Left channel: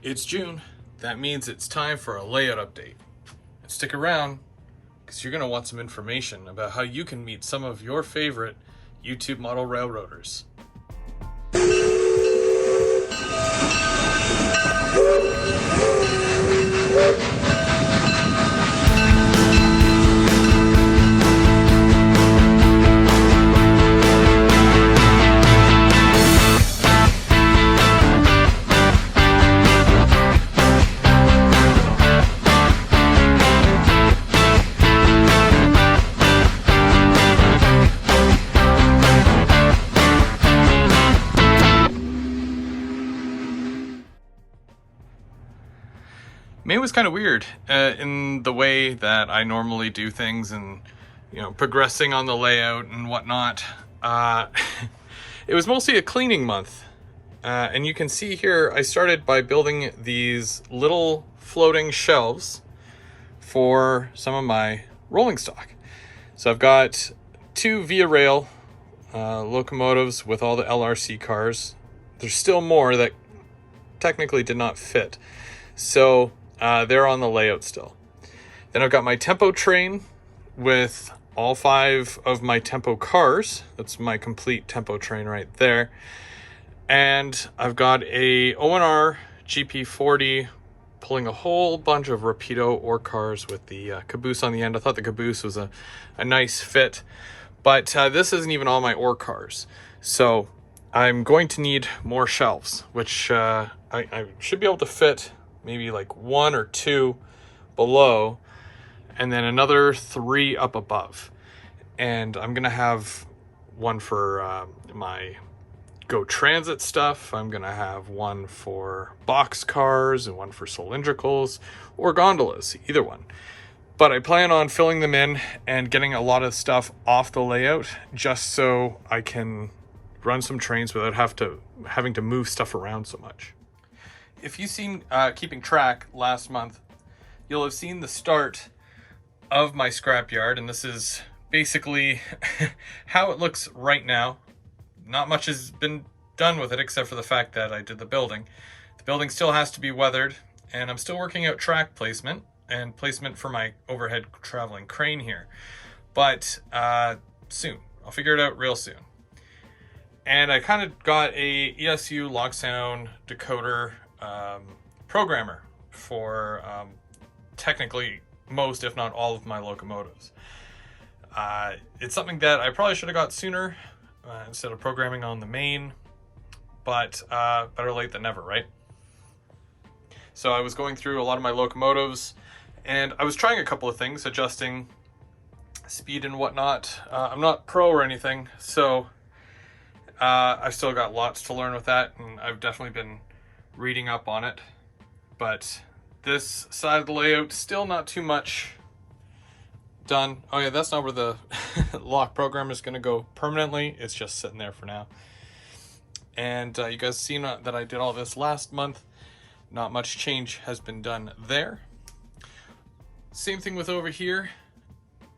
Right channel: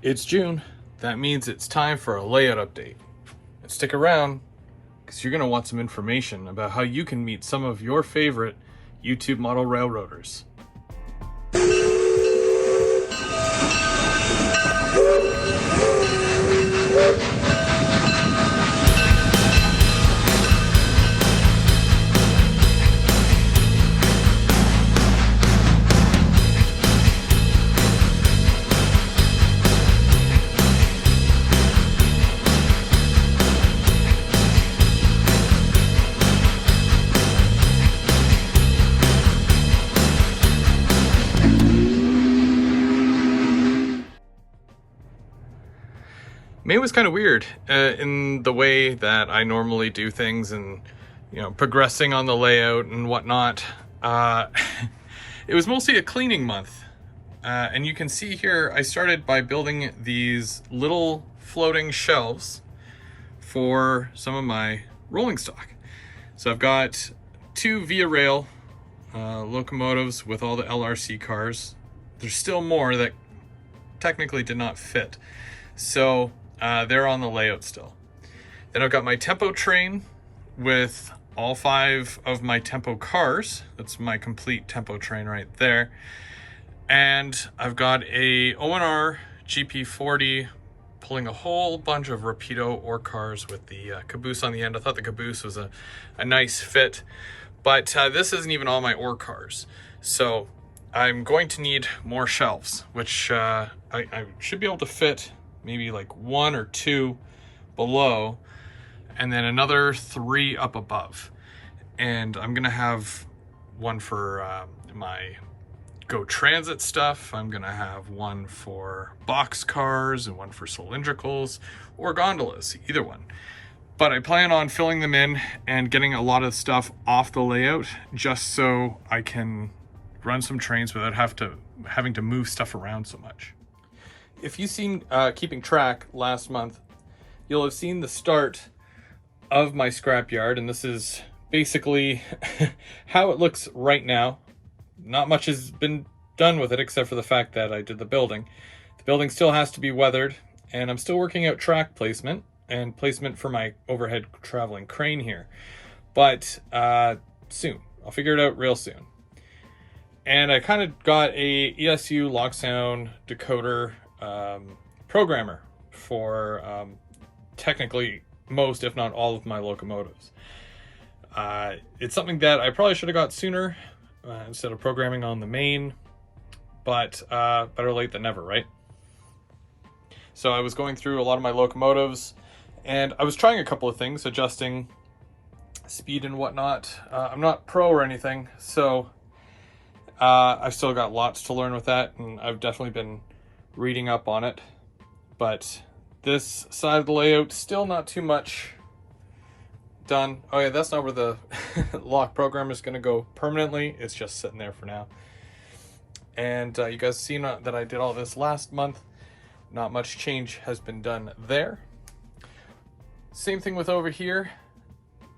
It's June. That means it's time for a layout update. Stick around because you're going to want some information about how you can meet some of your favorite YouTube model railroaders. May was kind of weird in the way that I normally do things and, progressing on the layout and whatnot. It was mostly a cleaning month. And you can see here, I started by building these little floating shelves for some of my rolling stock. So I've got 2 Via Rail locomotives with all the LRC cars. There's still more that technically did not fit. So they're on the layout still. Then I've got my tempo train with all 5 of my tempo cars. That's my complete tempo train right there. And I've got a O&R GP40 pulling a whole bunch of Rapido ore cars with the caboose on the end. I thought the caboose was a nice fit, but this isn't even all my ore cars. So I'm going to need more shelves, which I should be able to fit maybe like 1 or 2 below, and then another 3 up above. And I'm gonna have one for my Go Transit stuff. I'm gonna have one for box cars and one for cylindricals or gondolas, either one. But I plan on filling them in and getting a lot of stuff off the layout just so I can run some trains without having to move stuff around so much. If you've seen keeping track last month, you'll have seen the start of my scrapyard, and this is basically how it looks right now. Not much has been done with it except for the fact that I did the building. The building still has to be weathered, and I'm still working out track placement and placement for my overhead traveling crane here. But soon. I'll figure it out real soon. And I kind of got a ESU locksound decoder programmer for technically most, if not all, of my locomotives. It's something that I probably should have got sooner instead of programming on the main, but better late than never, right? So I was going through a lot of my locomotives, and I was trying a couple of things, adjusting speed and whatnot. I'm not pro or anything, so I've still got lots to learn with that, and I've definitely been reading up on it. But this side of the layout, still not too much done. Oh yeah, that's not where the lock program is going to go permanently. It's just sitting there for now. And you guys seen that I did all this last month. Not much change has been done there. Same thing with over here.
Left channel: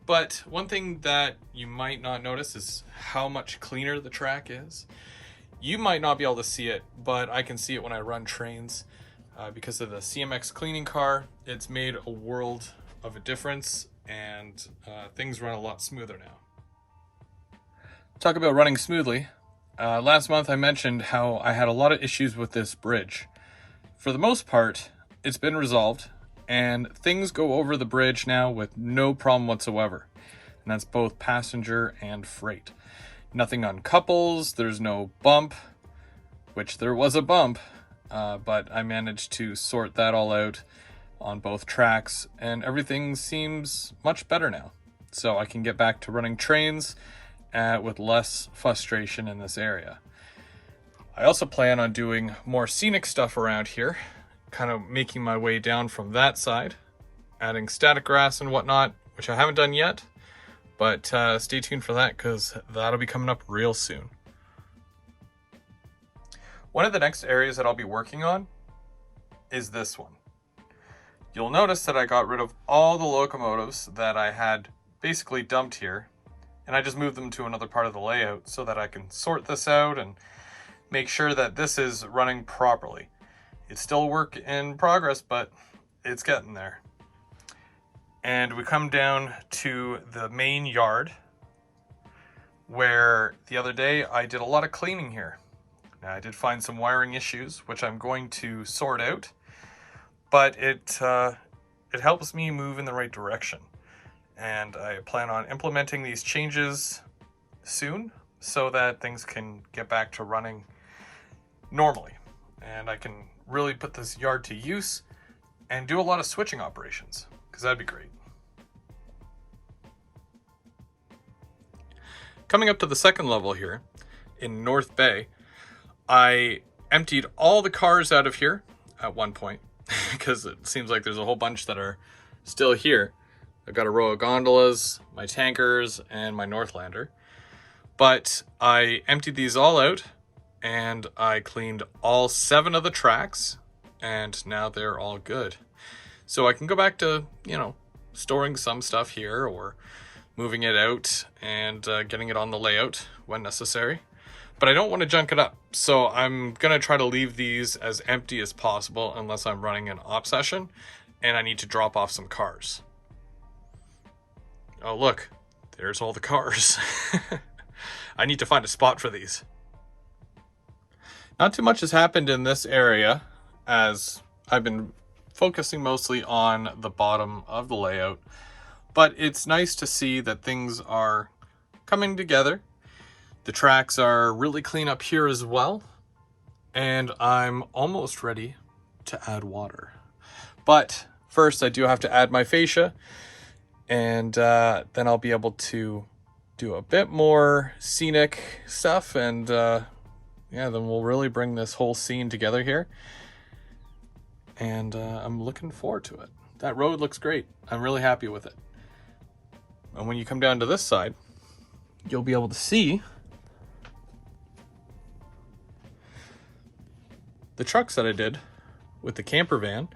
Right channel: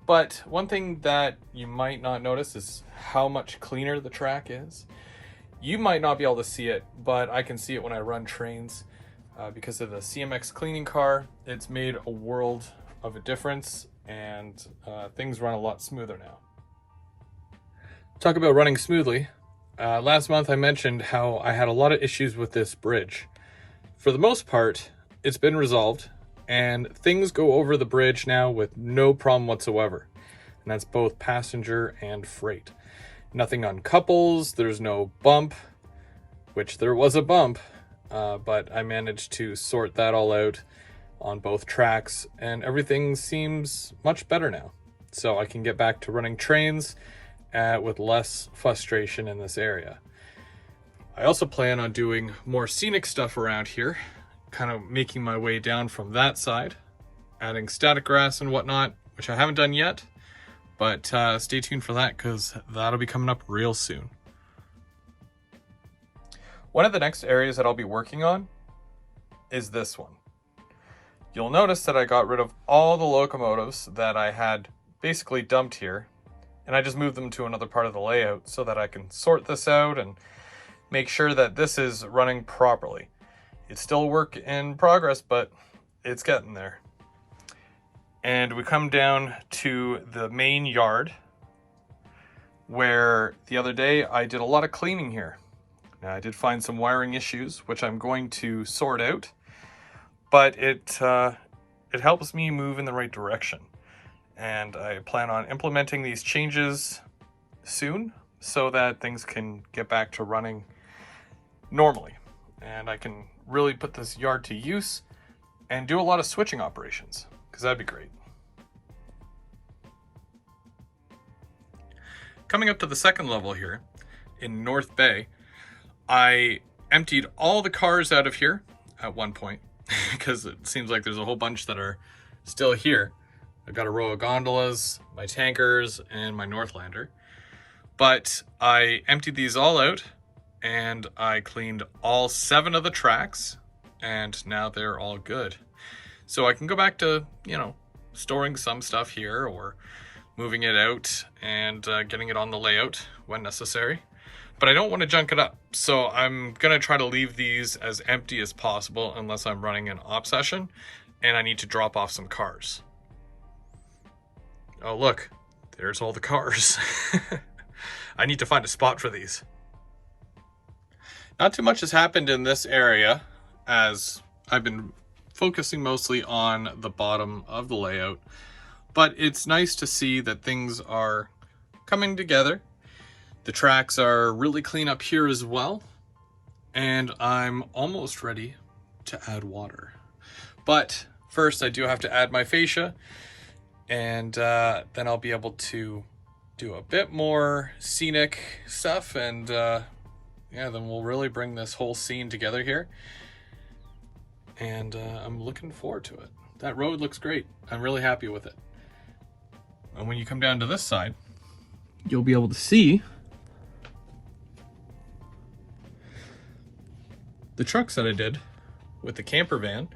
But one thing that you might not notice is how much cleaner the track is. You might not be able to see it, but I can see it when I run trains. Because of the CMX cleaning car, it's made a world of a difference, and things run a lot smoother now. Talk about running smoothly. Last month I mentioned how I had a lot of issues with this bridge. For the most part, it's been resolved, and things go over the bridge now with no problem whatsoever. And that's both passenger and freight. Nothing uncouples, there's no bump, which there was a bump, but I managed to sort that all out on both tracks, and everything seems much better now. So I can get back to running trains with less frustration in this area. I also plan on doing more scenic stuff around here, kind of making my way down from that side, adding static grass and whatnot, which I haven't done yet, but stay tuned for that because that'll be coming up real soon. One of the next areas that I'll be working on is this one. You'll notice that I got rid of all the locomotives that I had basically dumped here, and I just moved them to another part of the layout so that I can sort this out and make sure that this is running properly. It's still a work in progress, but it's getting there. And we come down to the main yard, where the other day I did a lot of cleaning here. Now, I did find some wiring issues, which I'm going to sort out, but it helps me move in the right direction. And I plan on implementing these changes soon so that things can get back to running normally. And I can really put this yard to use and do a lot of switching operations, because that'd be great. Coming up to the second level here in North Bay, I emptied all the cars out of here at one point because it seems like there's a whole bunch that are still here. I've got a row of gondolas, my tankers, and my Northlander. But I emptied these all out and I cleaned all 7 of the tracks, and now they're all good. So I can go back to, storing some stuff here or moving it out and getting it on the layout when necessary. But I don't want to junk it up. So I'm going to try to leave these as empty as possible unless I'm running an op session and I need to drop off some cars. Oh, look, there's all the cars. I need to find a spot for these. Not too much has happened in this area, as I've been focusing mostly on the bottom of the layout, but it's nice to see that things are coming together. The tracks are really clean up here as well, and I'm almost ready to add water. But first I do have to add my fascia, and then I'll be able to do a bit more scenic stuff, and then we'll really bring this whole scene together here. And I'm looking forward to it. That road looks great. I'm really happy with it. And when you come down to this side, you'll be able to see the trucks that I did with the camper van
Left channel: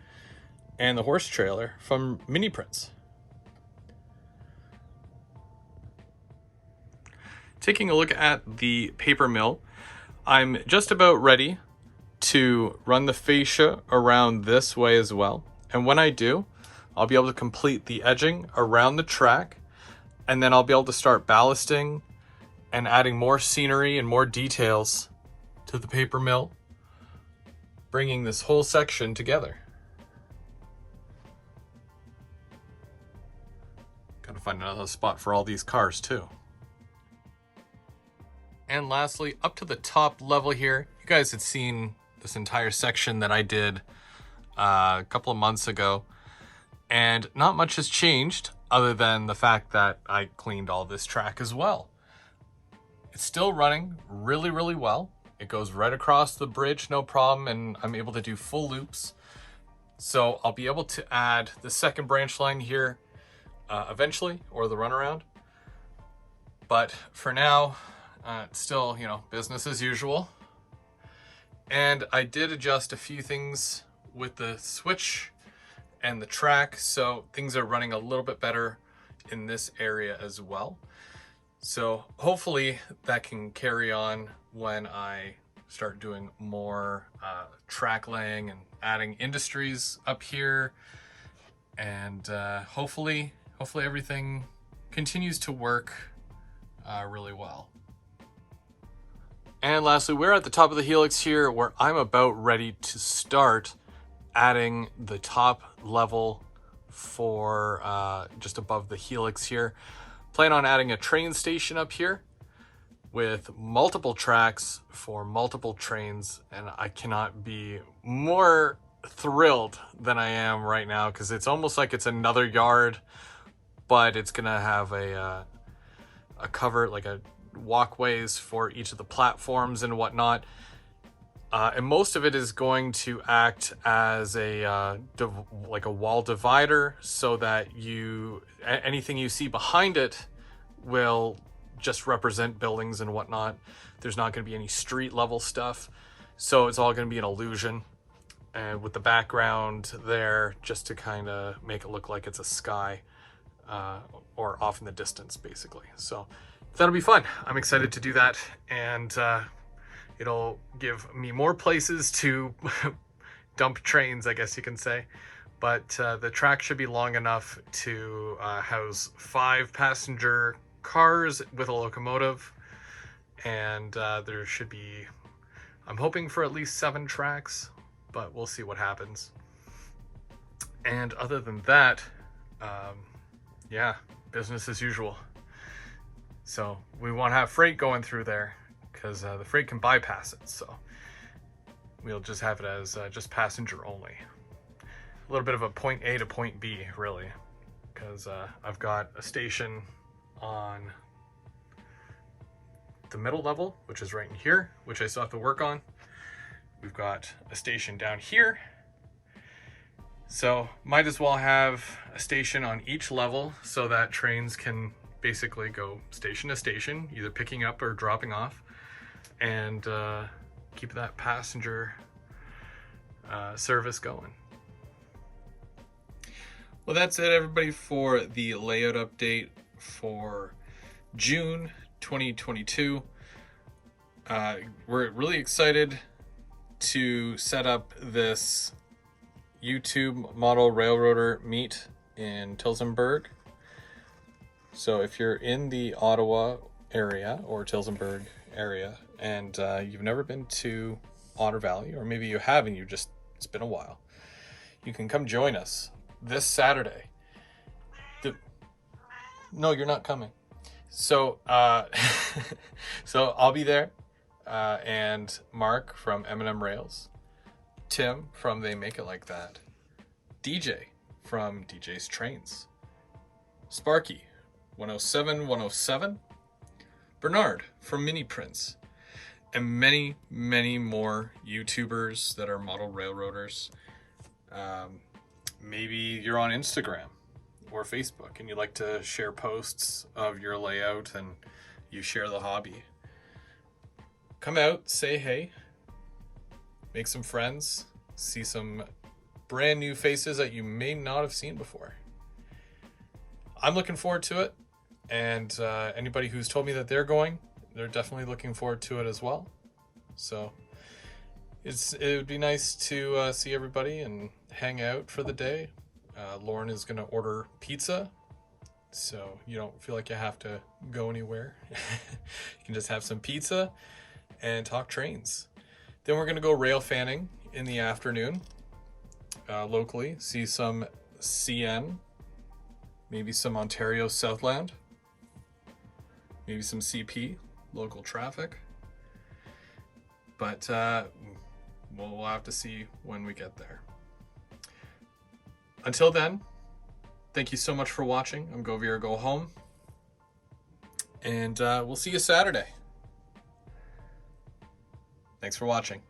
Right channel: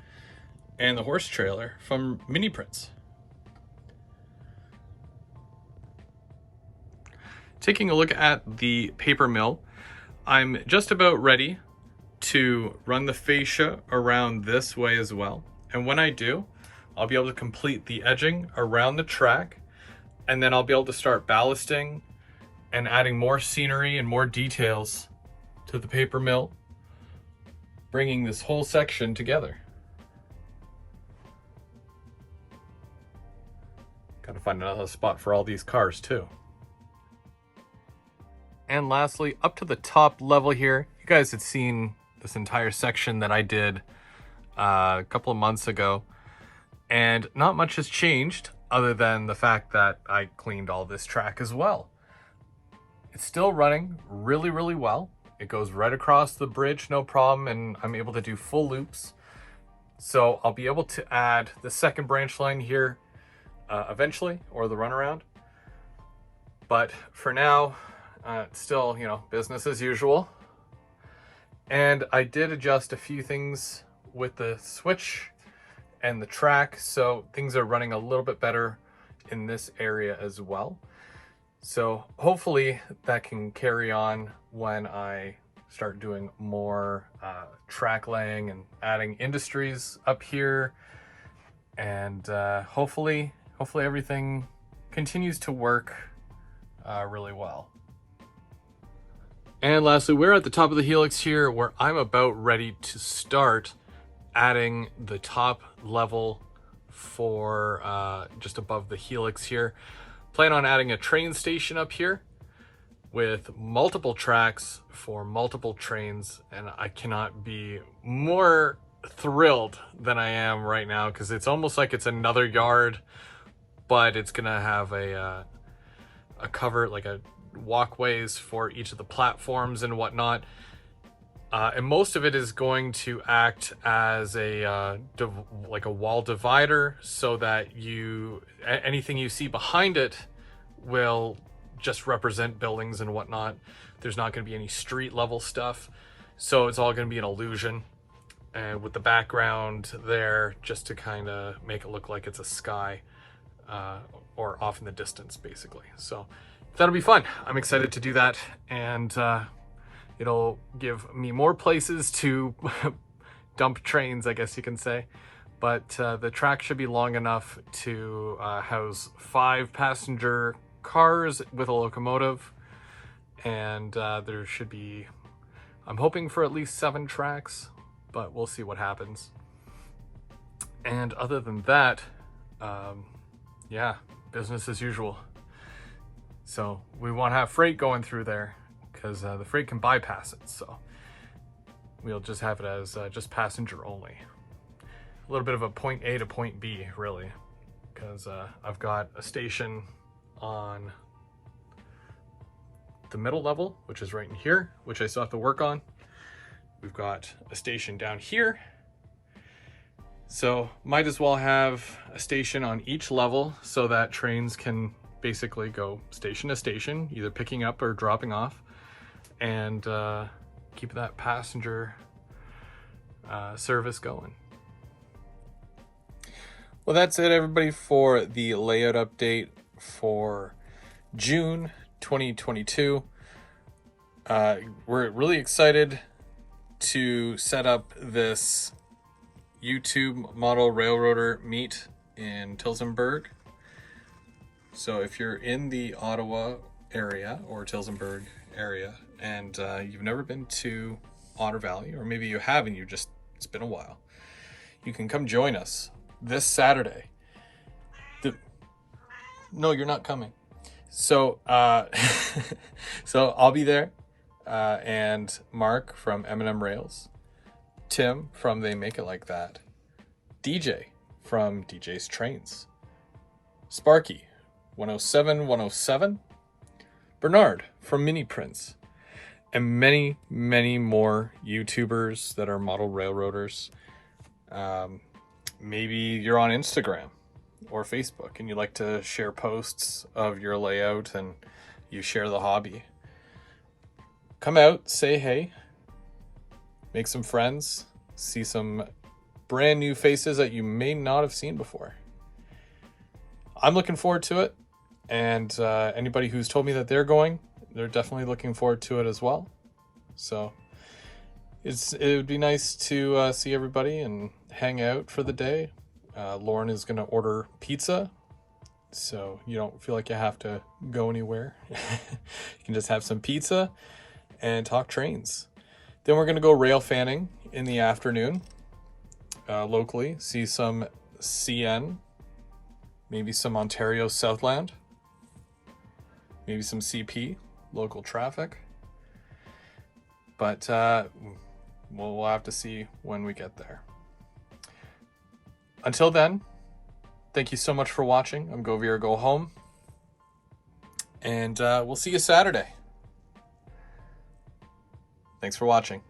and the horse trailer from Mini Prints. Taking a look at the paper mill, I'm just about ready to run the fascia around this way as well. And when I do, I'll be able to complete the edging around the track, and then I'll be able to start ballasting and adding more scenery and more details to the paper mill, bringing this whole section together. Gotta find another spot for all these cars too. And lastly, up to the top level here, you guys had seen this entire section that I did a couple of months ago, and not much has changed other than the fact that I cleaned all this track as well. It's still running really, really well. It goes right across the bridge, no problem, and I'm able to do full loops. So I'll be able to add the second branch line here eventually, or the runaround. But for now, it's still, business as usual. And I did adjust a few things with the switch and the track, so things are running a little bit better in this area as well. So hopefully that can carry on when I start doing more track laying and adding industries up here. And hopefully everything continues to work really well. And lastly, we're at the top of the helix here, where I'm about ready to start adding the top level for just above the helix here. Plan on adding a train station up here with multiple tracks for multiple trains, and I cannot be more thrilled than I am right now, because it's almost like it's another yard, but it's gonna have a cover, like a walkways for each of the platforms and whatnot, and most of it is going to act as like a wall divider, so that anything you see behind it will just represent buildings and whatnot. There's not going to be any street level stuff, so it's all going to be an illusion, and with the background there just to kind of make it look like it's a sky or off in the distance, basically. So that'll be fun. I'm excited to do that, and it'll give me more places to dump trains, I guess you can say. But the track should be long enough to house 5 passenger cars with a locomotive. And there should be, I'm hoping for at least 7 tracks, but we'll see what happens. And other than that, yeah, business as usual. So we won't have freight going through there because the freight can bypass it. So we'll just have it as just passenger only. A little bit of a point A to point B, really, because I've got a station on the middle level, which is right in here, which I still have to work on. We've got a station down here. So might as well have a station on each level so that trains can basically go station to station, either picking up or dropping off, and keep that passenger service going. Well, that's it, everybody, for the layout update for June 2022. We're really excited to set up this YouTube model railroader meet in Tillsonburg. So if you're in the Ottawa area or Tillsonburg area and you've never been to Otter Valley, or maybe you have and it's been a while, you can come join us this Saturday. No, you're not coming. So so I'll be there, and Mark from M&M Rails, Tim from They Make It Like That, DJ from DJ's Trains, Sparky 107, Bernard from Mini Prince, and many, many more YouTubers that are model railroaders. Maybe you're on Instagram or Facebook and you like to share posts of your layout and you share the hobby. Come out, say hey, make some friends, see some brand new faces that you may not have seen before. I'm looking forward to it, and anybody who's told me that they're going, they're definitely looking forward to it as well. So it would be nice to see everybody and hang out for the day. Lauren is going to order pizza, so you don't feel like you have to go anywhere. You can just have some pizza and talk trains. Then we're going to go rail fanning in the afternoon, locally, see some CN, maybe some Ontario Southland, maybe some CP, local traffic. But we'll have to see when we get there. Until then, thank you so much for watching. I'm Go Veer, Go Home. And we'll see you Saturday. Thanks for watching.